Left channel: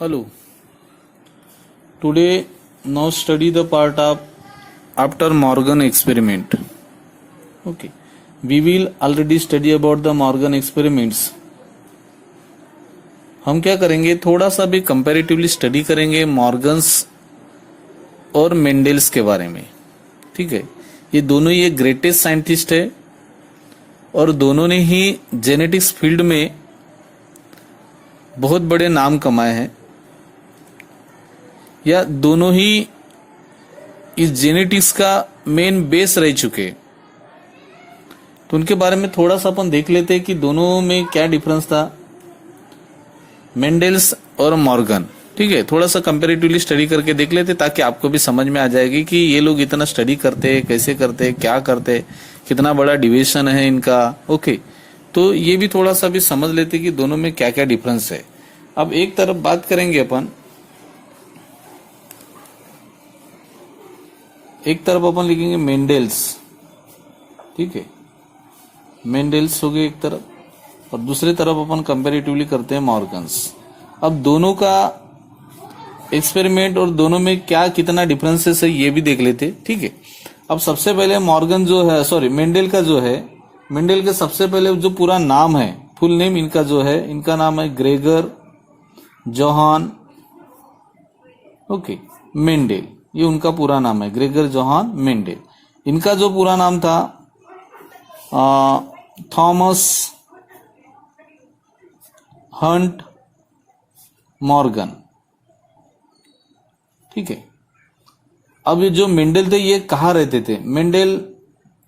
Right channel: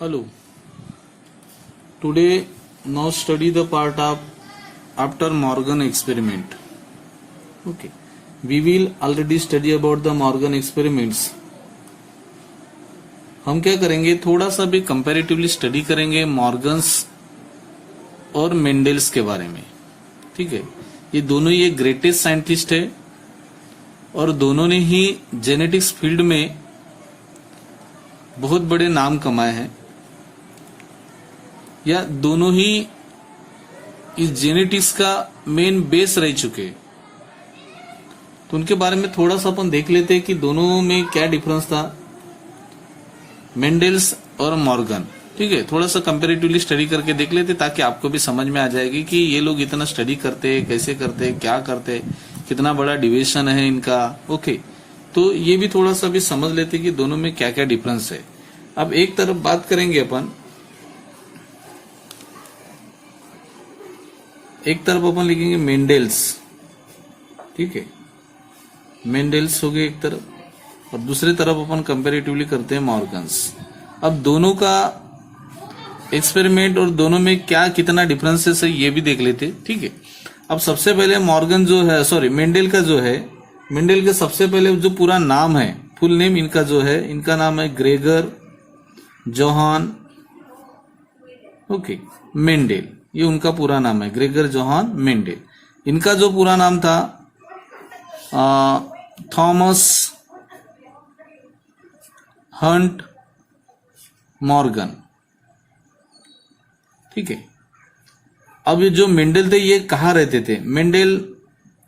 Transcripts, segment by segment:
Hello. Today, now study the part of after Morgan experiment. Okay. We will already study about the Morgan experiments. हम क्या करेंगे, थोड़ा सा भी comparatively study करेंगे मॉर्गन्स और मेंडल्स के बारे में. ठीक है. ये दोनों ही ग्रेटेस्ट साइंटिस्ट है और दोनों ने ही जेनेटिक्स फील्ड में बहुत बड़े नाम कमाए हैं, या दोनों ही इस जेनेटिक्स का मेन बेस रह चुके. तो उनके बारे में थोड़ा सा अपन देख लेते हैं कि दोनों में क्या डिफरेंस था, मेंडल्स और मॉर्गन. ठीक है. थोड़ा सा कंपैरेटिवली स्टडी करके देख लेते ताकि आपको भी समझ में आ जाएगी कि ये लोग इतना स्टडी करते हैं, कैसे करते हैं, क्या करते हैं, कितना बड़ा डिवीजन है इनका. ओके. तो ये भी थोड़ा सा भी समझ लेते कि दोनों में क्या क्या डिफरेंस है. अब एक तरफ बात करेंगे अपन, एक तरफ अपन लिखेंगे मेंडल्स. ठीक है. मेंडल्स हो गए एक तरफ, और दूसरी तरफ अपन कंपैरेटिवली करते हैं मॉर्गन्स. अब दोनों का एक्सपेरिमेंट और दोनों में क्या कितना डिफरेंसेस है ये भी देख लेते. ठीक है. अब सबसे पहले मॉर्गन जो है, सॉरी मेंडल का जो है, मेंडल के सबसे पहले जो पूरा नाम है, फुल नेम इनका जो है, इनका नाम है ग्रेगर जोहान मेंडल. ये उनका पूरा नाम है, ग्रेगर जोहान मेंडल. इनका जो पूरा नाम था थॉमस हंट मॉर्गन. ठीक है. अब ये जो मेंडल थे ये कहाँ रहते थे? Mendel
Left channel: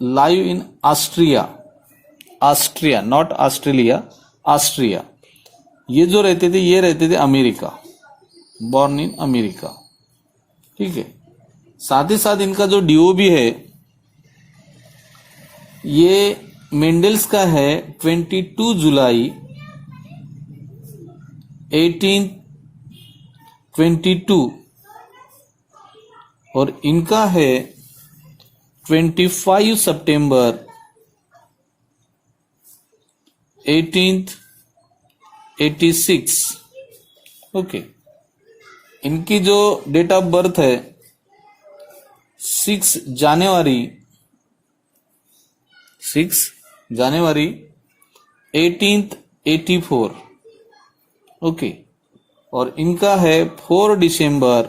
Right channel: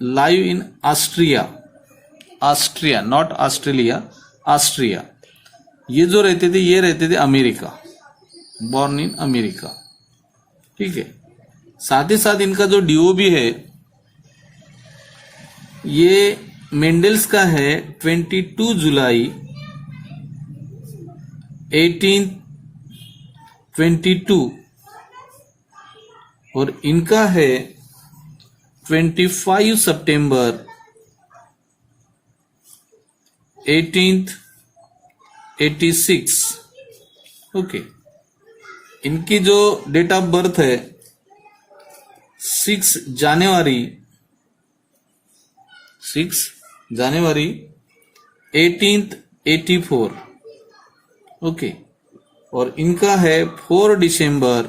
live in Austria, not Australia, Austria. ये जो रहते थे ये रहते थे अमेरिका, बॉर्न इन अमेरिका. ठीक है. साथ ही साथ इनका जो डीओ भी है ये मेंडल्स का है 22 जुलाई 1822 और इनका है 25 सितंबर 1886. ओके. इनकी जो डेट ऑफ बर्थ है 6 जनवरी 1884. ओके. और इनका है 4 दिसंबर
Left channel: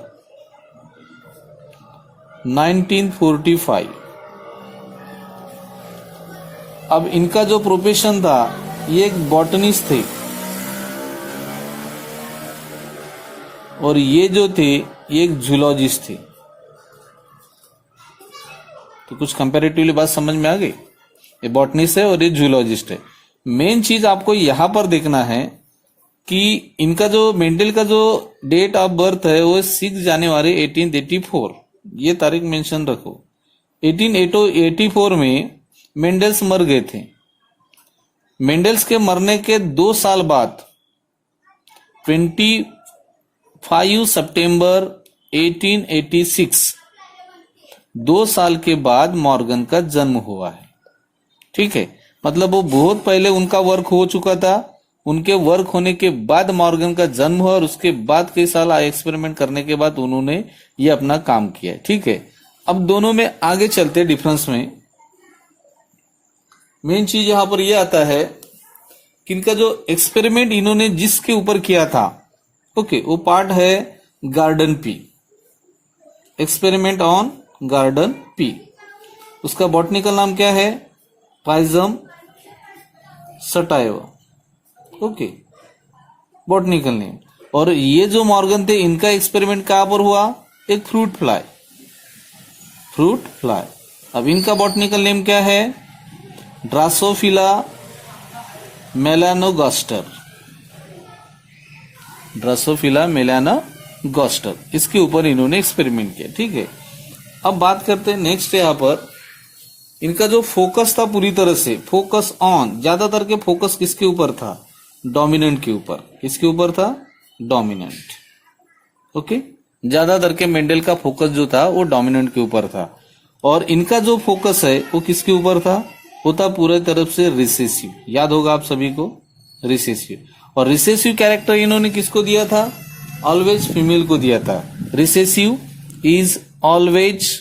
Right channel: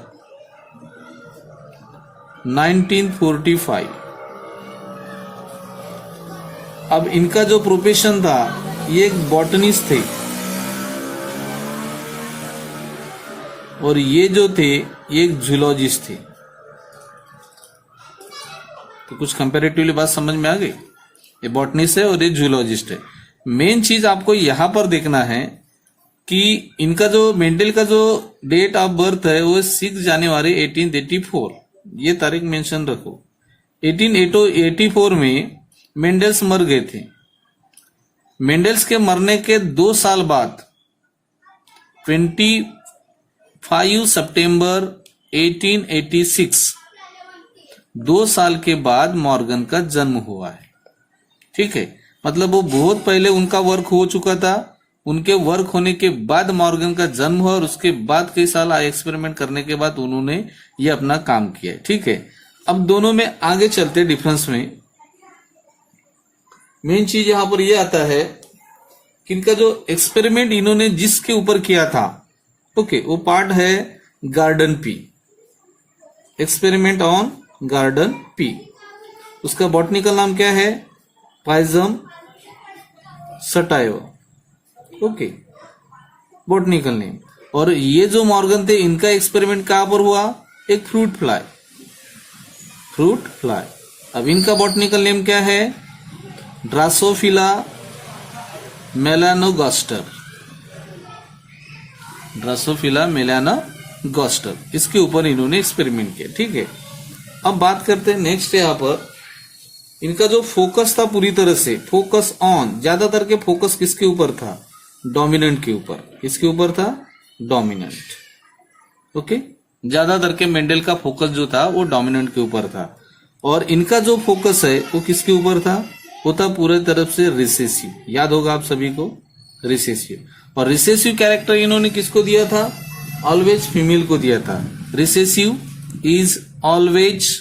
1945. अब इनका जो प्रोफेशन था ये एक बॉटनिस्ट थे, और ये जो थे ये एक जूलॉजिस्ट थे. तो कुछ कंपैरेटिवली बात समझ में आ गई. ये बॉटनिस्ट है और ये जूलॉजिस्ट है. मेन चीज आपको यहां पर देखना है कि इनका जो मेंडल का जो डेट ऑफ बर्थ है वो 6 जनवरी 1884. ये तारीख मेंशन रखो. 1884 में मेंडल्स मर गए थे. मेंडल्स के मरने के 2 साल बाद 25 सितंबर 1886, 2 साल के बाद मॉर्गन का जन्म हुआ है. ठीक है. मतलब वो बहुत पहले उनका वर्क हो चुका था. उनके वर्क होने के बाद मॉर्गन का जन्म हुआ और उसके बाद कई साल एक्सपेरिमेंट करने के बाद उन्होंने ये अपना काम किया. ठीक है. अब दोनों में आगे चलते डिफरेंस में मेन चीज यहां पर यह आता है कि इनका जो एक्सपेरिमेंट इन्होंने जिसके ऊपर किया था, ओके, वो पार्ट है garden pea, experiment on garden pea. उसका बॉटनिकल नाम क्या है? पाइजम सटाइवा. Okay, botanical name. और ये जो मॉर्गन थे इनका एक्सपेरिमेंट कहां पर हुआ? एक फ्रूट फ्लाई. अब इनका बॉटनिकल नेम क्या है? Drosophila melanogaster. इसके ऊपर इन्होंने एक्सपेरिमेंट किया. ठीक है. अब बात करते हैं नेक्स्ट. यहां पर इनका जो फोकस था पूरी तरह से फोकस ऑन, ज्यादातर के फोकस किसके ऊपर था? डोमिनेंट के ऊपर. किसके ऊपर था? डोमिनेंट. ओके. ज्यादातर के मेंडल का फोकस जो था वो डोमिनेंट के ऊपर था. और इनका जो फोकस है वो किसके ऊपर था? वो था पूरे तरफ से रिसेसिव. याद होगा आप सभी को, रिसेसिव. और रिसेसिव कैरेक्टर इन्होंने किसको दिया था? ऑलवेज फीमेल को दिया था, रिसेसिव इज ऑलवेज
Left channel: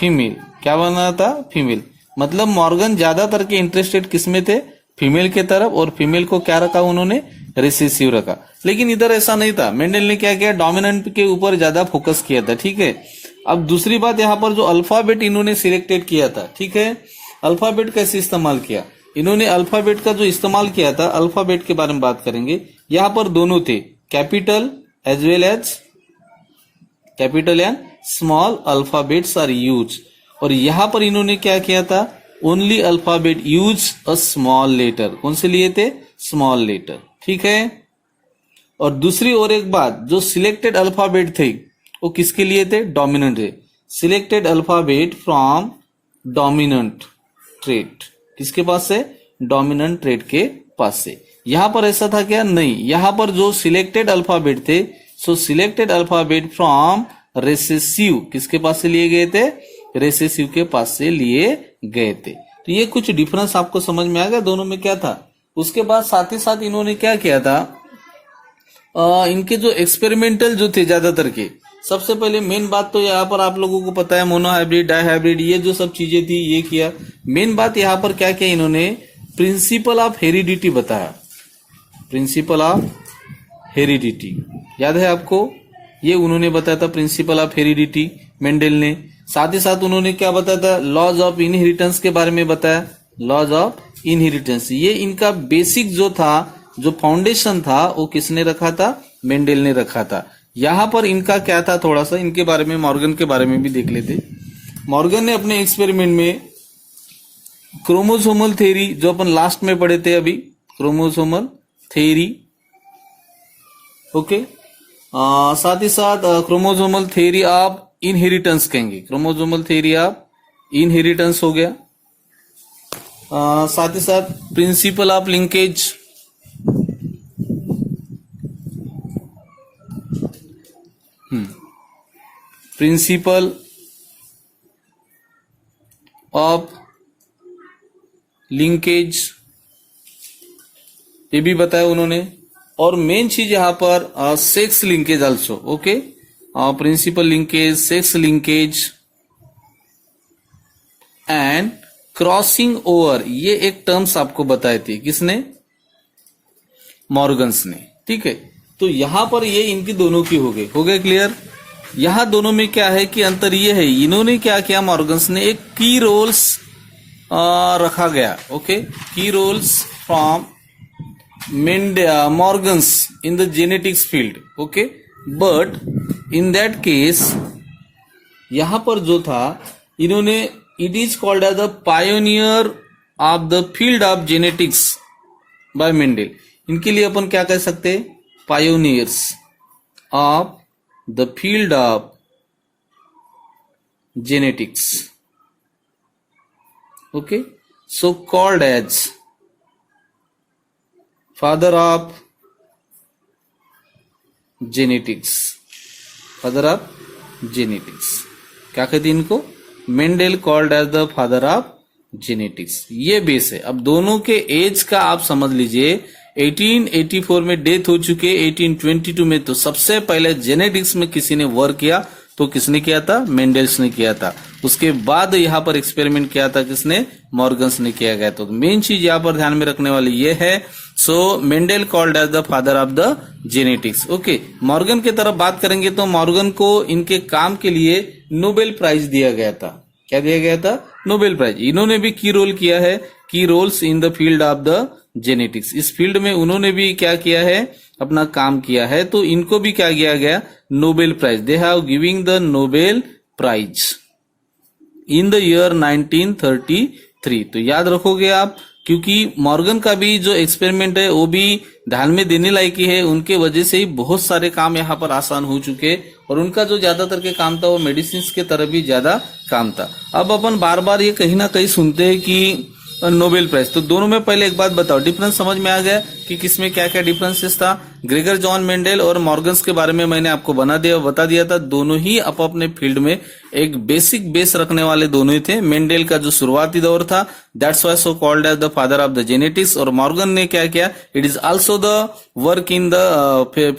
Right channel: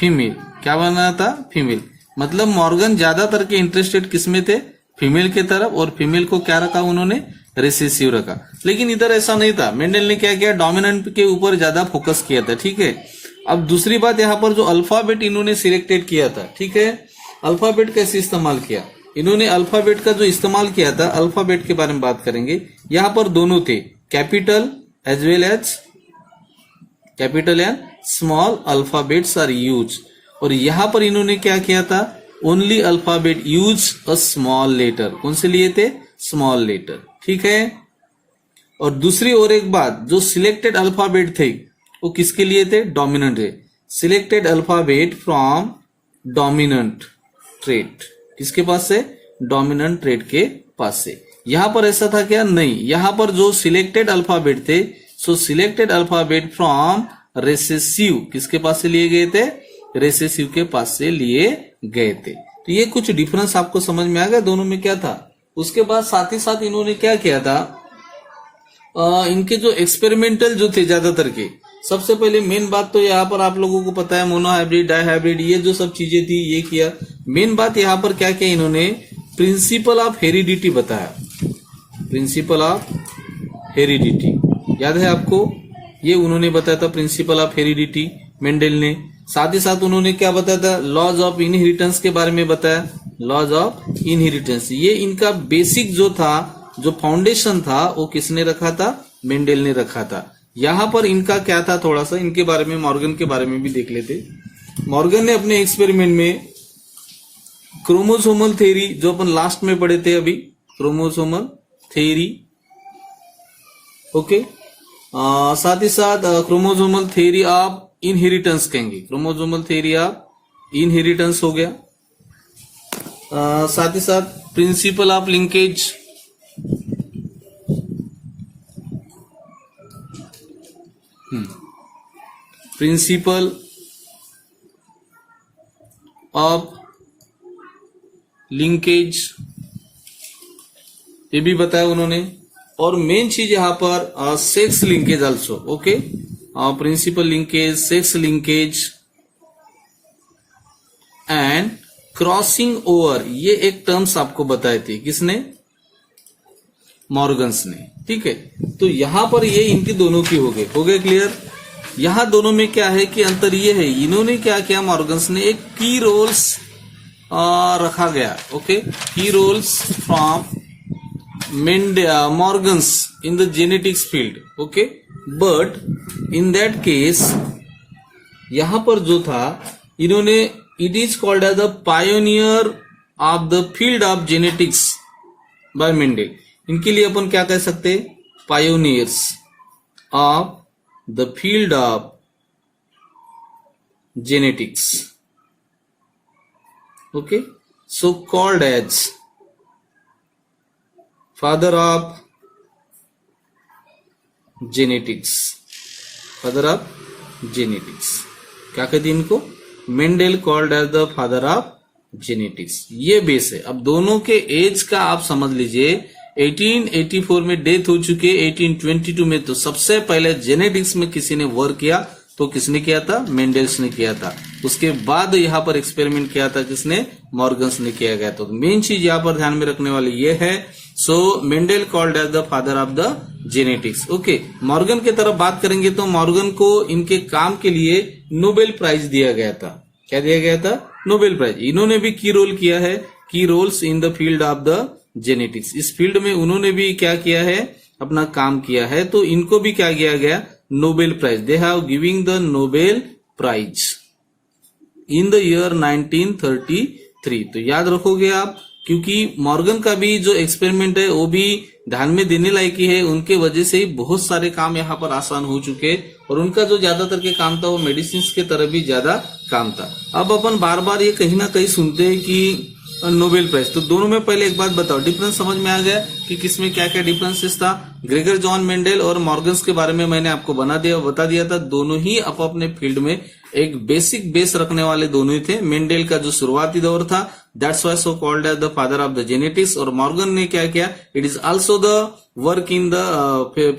फीमेल, क्या बना था, फीमेल। मतलब मॉर्गन ज्यादातर के इंटरेस्टेड किसमें थे, फीमेल के तरफ, और फीमेल को क्या रखा उन्होंने, रिसेसिव रखा। लेकिन इधर ऐसा नहीं था, मेंडल ने क्या किया, डोमिनेंट के ऊपर ज्यादा फोकस किया था, ठीक है। अब दूसरी बात, यहाँ पर जो अल्फाबेट इन्होंने सिलेक्टेड किया था, ठीक है, अल्फाबेट कैसे इस्तेमाल किया इन्होंने, अल्फाबेट का जो इस्तेमाल किया था, अल्फाबेट के बारे में बात करेंगे। यहाँ पर दोनों थे, capital as well as capital and small alphabets are use. और यहां पर इन्होंने क्या किया था, only alphabet use a small letter, कौन से लिए थे, स्मॉल लेटर, ठीक है। और दूसरी और एक बात, जो सिलेक्टेड अल्फाबेट थे वो किसके लिए थे, डोमिनेंट थे, selected alphabet from dominant trait, किसके पास से, डोमिनेंट ट्रेट के पास से। यहां पर ऐसा था क्या, नहीं, यहां पर जो सिलेक्टेड अल्फाबेट थे, सो सिलेक्टेड अल्फाबेट फ्रॉम रेसेसिव, किसके पास से लिए गए थे, रेसेसिव के पास से लिए गए थे। तो ये कुछ डिफरेंस आपको समझ में आ गया दोनों में क्या था। उसके बाद साथ ही साथ इन्होंने क्या किया था, इनके जो एक्सपेरिमेंटल जो थे ज्यादातर के, सबसे पहले मेन बात तो यहाँ पर आप लोगों को पता है, मोनोहाइब्रिड, डाइहाइब्रिड, ये जो सब चीजें थी ये किया। मेन बात यहाँ पर क्या किया इन्होंने, प्रिंसिपल ऑफ हेरिडिटी बताया, प्रिंसिपल ऑफ हेरिडिटी, याद है आपको, ये उन्होंने बताया था प्रिंसिपल ऑफ हेरिडिटी मेंडल ने। साथ ही साथ उन्होंने क्या बताया था, लॉज ऑफ इनहेरिटेंस के बारे में बताया, लॉज ऑफ इनहेरिटेंस। ये इनका बेसिक जो था, जो फाउंडेशन था, वो किसने रखा था, मेंडल ने रखा था। यहां पर इनका क्या था, थोड़ा सा इनके बारे में, मॉर्गन के बारे में भी देख लेते। मॉर्गन ने अपने एक्सपेरिमेंट में क्रोमोसोमल थ्योरी, जो अपन लास्ट में पढ़े थे अभी, क्रोमोसोमल थ्योरी, ओके, साथ ही साथ क्रोमोसोमल थ्योरी ऑफ इनहेरिटेंस कहेंगे, क्रोमोसोमल थ्योरी ऑफ इनहेरिटेंस हो गया। साथ ही साथ principle of linkage, principle of linkage, ये भी बताया उन्होंने। और मेन चीज यहां पर sex linkage also, okay, principle linkage, sex linkage and crossing over, ये एक टर्म्स आपको बताए थे, किसने, मॉर्गन्स ने, ठीक है। तो यहां पर ये इनकी दोनों की हो गए क्लियर। यहां दोनों में क्या है कि अंतर ये है, इन्होंने क्या किया, मॉर्गन्स ने एक की रोल्स रखा गया, ओके, की roles from Morgans in the genetics field, okay, but in that case यहां पर जो था इन्होंने, it is called as the pioneer of the field of genetics by Mendel। इनके लिए अपन क्या कह सकते, pioneers of the field of genetics, okay, so called as father of genetics, father of genetics, क्या कहते हैं इनको, Mendel called as the father of genetics. ये बेस है। अब दोनों के एज का आप समझ लीजिए, 1884 में डेथ हो चुके, 1822 में तो सबसे पहले जेनेटिक्स में किसी ने वर्क किया, तो किसने किया था, मेंडल्स ने किया था। उसके बाद यहाँ पर एक्सपेरिमेंट किया था किसने, मॉर्गन्स ने किया गया। तो मेन चीज यहाँ पर ध्यान में रखने वाली ये है, so Mendel called as the father of the genetics, okay. Morgan की तरफ बात करेंगे तो मॉर्गन को इनके काम के लिए नोबेल प्राइज दिया गया था। क्या दिया गया था, नोबेल प्राइज। इन्होंने भी की रोल किया है, की roles in the field of the genetics, इस फील्ड में उन्होंने भी क्या किया है, अपना काम किया है। तो इनको भी क्या किया गया, Nobel prize, they have giving the Nobel prize in the year 1933। तो याद रखोगे आप, क्योंकि मॉर्गन का भी जो एक्सपेरिमेंट है वो भी ध्यान में देने लायक ही है। उनके वजह से ही बहुत सारे काम यहाँ पर आसान हो चुके, और उनका जो ज्यादातर के काम था वो मेडिसिन के तरफ भी ज्यादा काम था। अब अपन बार बार ये कहीं ना कहीं सुनते हैं कि नोबेल प्राइज, तो दोनों में पहले एक बात बताओ, डिफरेंस समझ में आ गया कि किसमें क्या क्या डिफरेंसेस था। ग्रेगर जॉन मेंडेल और मॉर्गन्स के बारे में मैंने आपको बता दिया था। दोनों ही अपने फील्ड में एक बेसिक बेस रखने वाले दोनों ही थे। मेंडेल का जो शुरुआती दौर था, that's why so called as the father of the genetics, और मॉर्गन ने क्या किया, it is also the work in the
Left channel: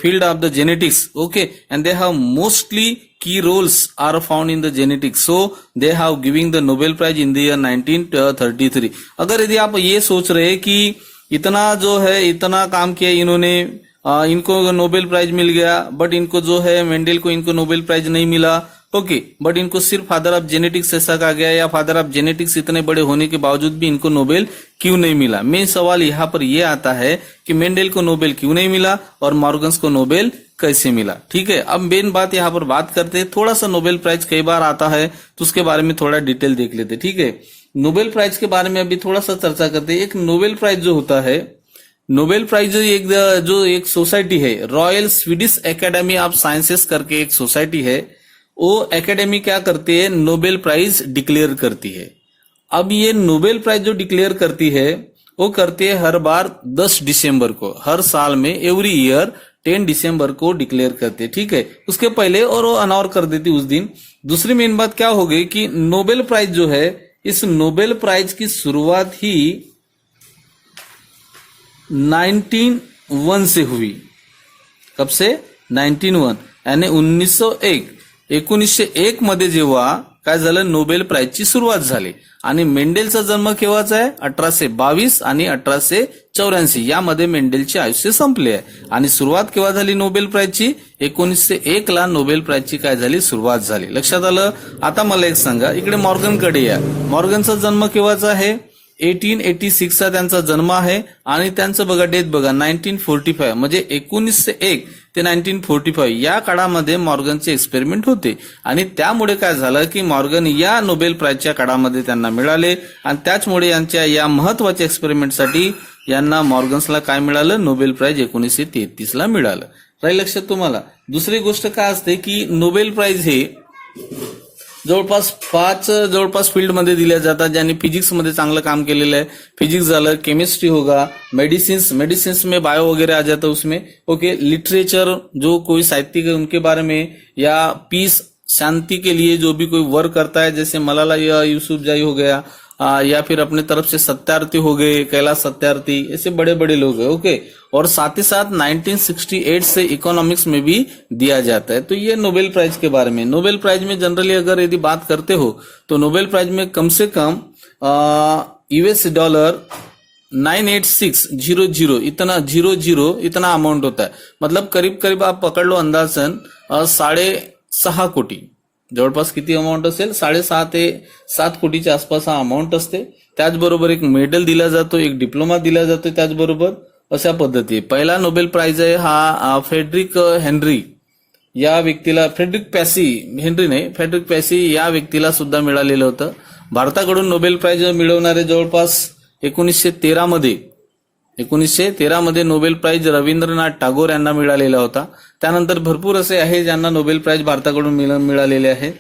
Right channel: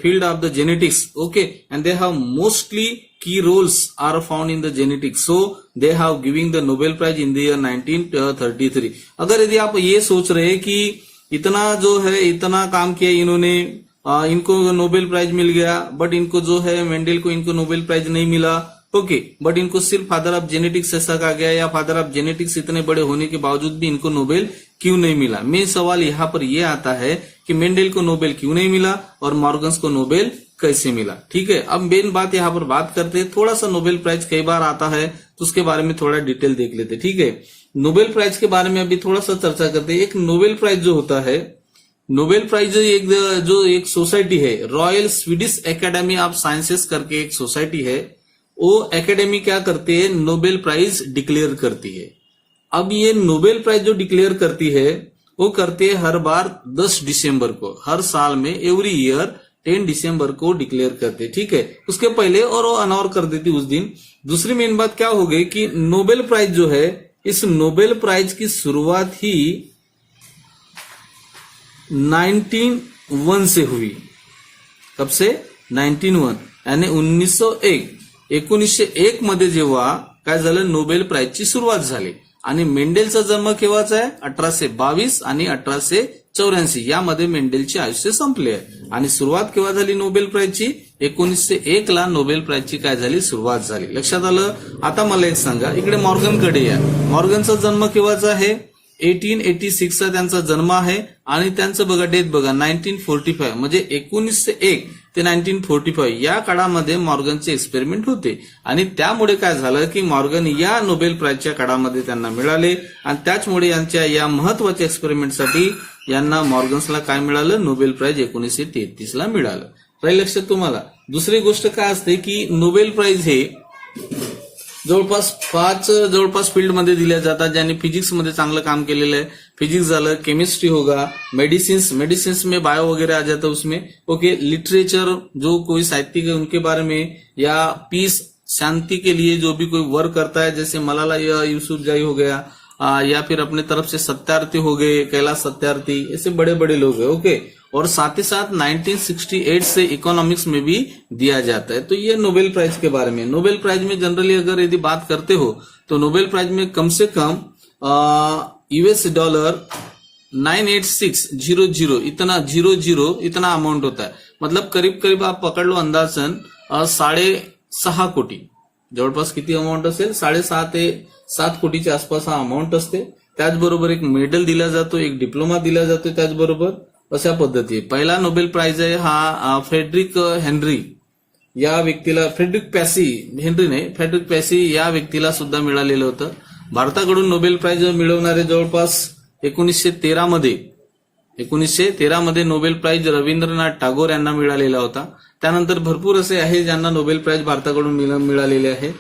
field of the genetics, okay, and they have mostly key roles are found in the genetics, so they have giving the Nobel Prize in the year 1933। अगर यदि आप ये सोच रहे हैं कि इतना जो है इतना काम किया इन्होंने, इनको नोबेल प्राइज मिल गया, बट इनको जो है मेंडेल को इनको नोबेल प्राइज नहीं मिला, ओके, बट इनको सिर्फ फादर ऑफ जेनेटिक्स ऐसा कहा गया, या फादर ऑफ जेनेटिक्स इतने बड़े होने के बावजूद भी इनको नोबेल क्यों नहीं मिला। मेन सवाल यहाँ पर यह आता है कि मेंडेल को नोबेल क्यों नहीं मिला और मॉर्गन्स को नोबेल कैसे मिला। ठीक है, अब मेन बात यहाँ पर बात करते हैं, थोड़ा सा नोबेल प्राइज कई बार आता है तो उसके बारे में थोड़ा डिटेल देख लेते। ठीक है, नोबेल प्राइज के बारे में अभी थोड़ा सा चर्चा करते हैं। एक नोबेल प्राइज जो होता है, नोबेल प्राइज जो एक सोसाइटी है, royal Swedish academy of sciences करके एक सोसाइटी है, वो एकेडमी क्या करती है, नोबेल प्राइज डिक्लेयर करती है। अब ये नोबेल प्राइज जो डिक्लेयर करती है वो करती है हर बार 10 दिसंबर को, हर साल में एवरी ईयर 10 दिसंबर को डिक्लेयर करते। ठीक है, उसके पहले और वो अनाउंस कर देती उस दिन। दूसरी मेन बात क्या हो गई कि नोबेल प्राइज जो है, इस नोबेल प्राइज की शुरुआत ही 1901 से हुई। कब से? 1901 यानी 1901 मध्ये जेव्हा काय झालं, नोबेल प्राइजची सुरुवात झाली। आणि मेंडेलचा जन्म केव्हाचा आहे? 1822 आणि 1884 यामध्ये मेंडेलचे आयुष्य संपले आहे। आणि सुरुवात केव्हा झाली नोबेल प्राइजची? 1901 ला नोबेल प्राइजची काय झाली, सुरुवात झाली। लक्षात आलं? आता मला एक सांगा, इकडे मॉर्गनकडे या। मॉर्गनचा जन्म केव्हाचा आहे? 1886 चा त्यांचा जन्म आहे, आणि त्यांचं बघा डेथ बघा 1945, म्हणजे 1901 ते 1945 या काळामध्ये मॉर्गनचे एक्सपेरिमेंट होते। आणि त्यामुळे काय झालं की मॉर्गन या नोबेल प्राइजच्या काळामध्ये त्यांना मिळाले, आणि त्याचमुळे यांच्या या महत्वाच्या एक्सपेरिमेंटसाठी यांना मॉर्गन्सला काय मिळालं, नोबेल प्राइज 1933 ला मिळालं। राहील लक्षात तुम्हाला? दुसरी गोष्ट काय असते की नोबेल प्राइज हे जवळपास 5 फील्डमध्ये दिल्या जातात, ज्यांनी फिजिक्समध्ये चांगलं काम केलेलं आहे। फिजिक्स झालं, केमिस्ट्री होगा, मेडिसिन्स में बायो वगैरह आ जाता है उसमें, ओके। लिटरेचर, जो कोई साहित्यिक है उनके बारे में, या पीस शांति के लिए जो भी कोई वर्क करता है, जैसे मलाला यूसुफजई हो गया, या फिर अपने तरफ से सत्यार्थी हो गए, कैलाश सत्यार्थी, ऐसे बड़े बड़े लोग हैं, ओके। और साथ ही साथ 1968 से इकोनॉमिक्स में भी दिया जाता है। तो ये नोबेल प्राइज के बारे में। नोबेल प्राइज में जनरली अगर यदि बात करते हो तो नोबेल प्राइज में कम से कम US डॉलर 98600 इतना अमाउंट होता है। मतलब करीब आप पकड़ लो अंदाजन 6.5 कोटी, जवळपास किती अमाऊंट असेल, 6.5 ते 7 कोटीच्या आसपास हा अमाऊंट असते। त्याचबरोबर एक मेडल दिला जातो, एक डिप्लोमा दिला जातो, त्याचबरोबर अशा पद्धती। पहिला नोबेल प्राइज आहे हा फ्रेडरिक हेनरी या व्यक्तीला, फ्रेडरिक पॅसी या व्यक्तीला सुद्धा मिळालेलं होतं। भारताकडून नोबेल प्राइज मिळवणारे जवळपास 1913 मध्ये नोबेल प्राइज रवींद्रनाथ टागोर यांना मिळालेला होता। त्यानंतर भरपूर असे आहे ज्यांना नोबेल प्राइज भारताकडून मिळालेले आहे।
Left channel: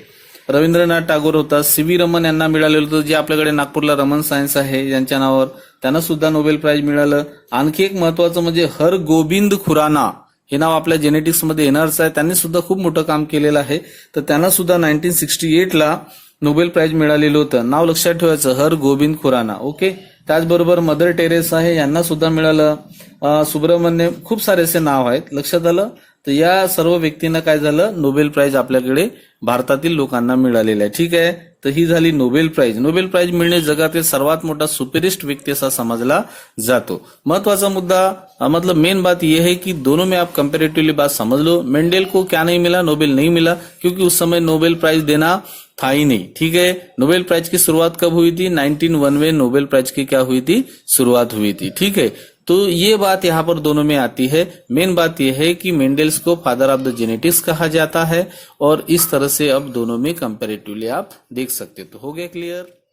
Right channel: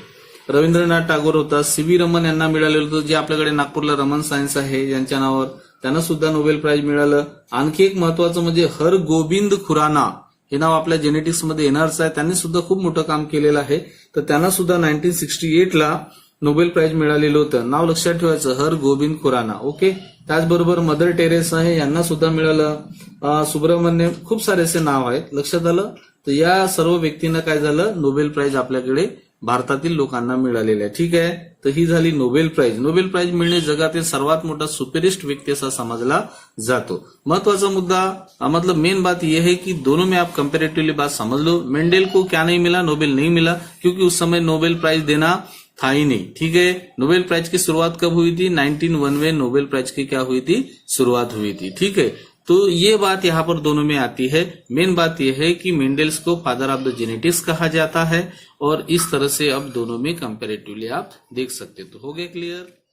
रवींद्रनाथ टागोर होता, CV रमन यांना मिळालेलं होतं, जे आपल्याकडे नागपूरला रमन सायन्स आहे ज्यांच्या नावावर, त्यांना सुद्धा नोबेल प्राइज मिळालं। आणखी एक महत्वाचं म्हणजे हरगोबिंद खुराना, हे नाव आपल्या जेनेटिक्समध्ये येणारच आहे, त्यांनी सुद्धा खूप मोठं काम केलेलं आहे। तर त्यांना सुद्धा 1968 ला नोबेल प्राइज मिळालेलं होतं। नाव लक्षात ठेवायचं, हरगोबिंद खुराना, ओके। त्याचबरोबर मदर टेरेसा आहे, यांना सुद्धा मिळालं। सुब्रमण्यम, खूप सारे असे नाव आहेत, लक्षात आलं? तर या सर्व व्यक्तींना काय झालं, नोबेल प्राइज आपल्याकडे भारतातील लोकांना मिळालेलं आहे। ठीक आहे, तर ही झाली नोबेल प्राइज। नोबेल प्राइज मिळणे जगातील सर्वात मोठा सुपरिस्ट व्यक्ति असा समझला जातो। महत्वाचा मुद्दा, मतलब मेन बात यह है कि दोनों में आप कंपेरेटिवली बात समझ लो। मेंडेल को क्या नहीं मिला, नोबेल नहीं मिला, क्योंकि उस समय नोबेल प्राइज देना था ही नहीं। ठीक है, नोबेल प्राइज की शुरुआत कब हुई थी? 1901 में नोबेल प्राइज की क्या हुई थी, शुरुआत हुई थी। ठीक है, तो ये बात यहाँ पर दोनों में आती है। मेन बात यह है कि मेंडेल्स को फादर ऑफ द जेनेटिक्स कहा जाता है, और इस तरह से अब दोनों में कंपेरेटिवली आप देख सकते। तो हो गया क्लियर?